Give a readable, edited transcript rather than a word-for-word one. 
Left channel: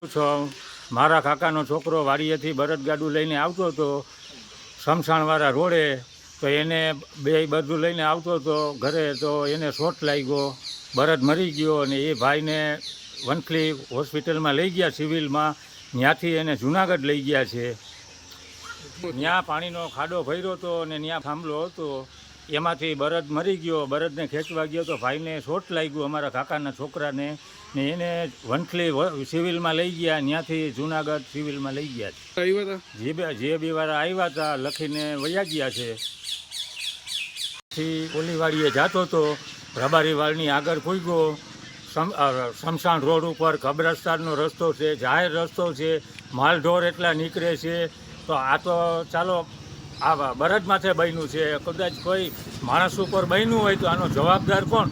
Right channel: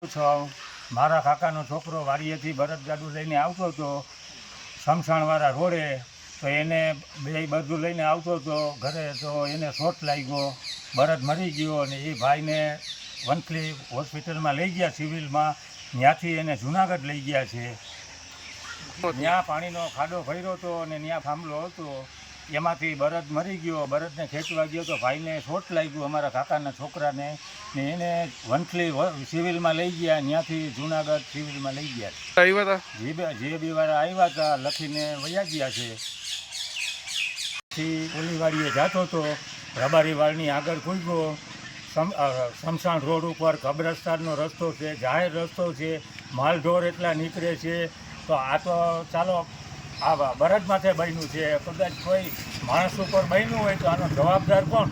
મારા કાકાનો છોકરો વાડીએથી બળદગાડું લઈને આવતો હતો શમશાનવાળા રોડે, તો એને બધું લઈને આવતો હતો ઘરે, તો એને શોટ લાગ્યો, બળદ મરી ગયો અને એ ભાઈને વંથલી હોસ્પિટલમાં લઈ ગયા સિવિલમાં. ત્યાંથી એને જુનાગઢ લઈ ગયા છે. ત્યાં પાણીનો ખાડો ભર્યો હતો અને ત્યાં થાંભલો હતો, એમાંથી બળદ મરી ગયો. બળદને ખેંચવા ગયો તો ભાઈને શોટ લાગ્યું અમારા કાકાના છોકરાને, ને એને વંથલી સિવિલમાં લઈ ગયા. ત્યાંથી જુનાગઢ સિવિલમાં લઈ ગયા છે. જીએબી વાળા આવ્યા હતા, લખીને વયા ગયા છે. પછી ઓલીવાડીએ જતો હતો, રબારીવાળની આગળ પૂગ્યો. શમશાન રોડ ઉપર કબ્રસ્તાનનો રસ્તો છે, જાહેર રસ્તો છે, માલઢોર એટલા નીકળે છે. તો આ તો ચાલો આ બળદ માથે બન્યું છે, કદાચ કોઈ માણસ ઉપર બન્યું હોય તો આનો જવાબદાર કોણ?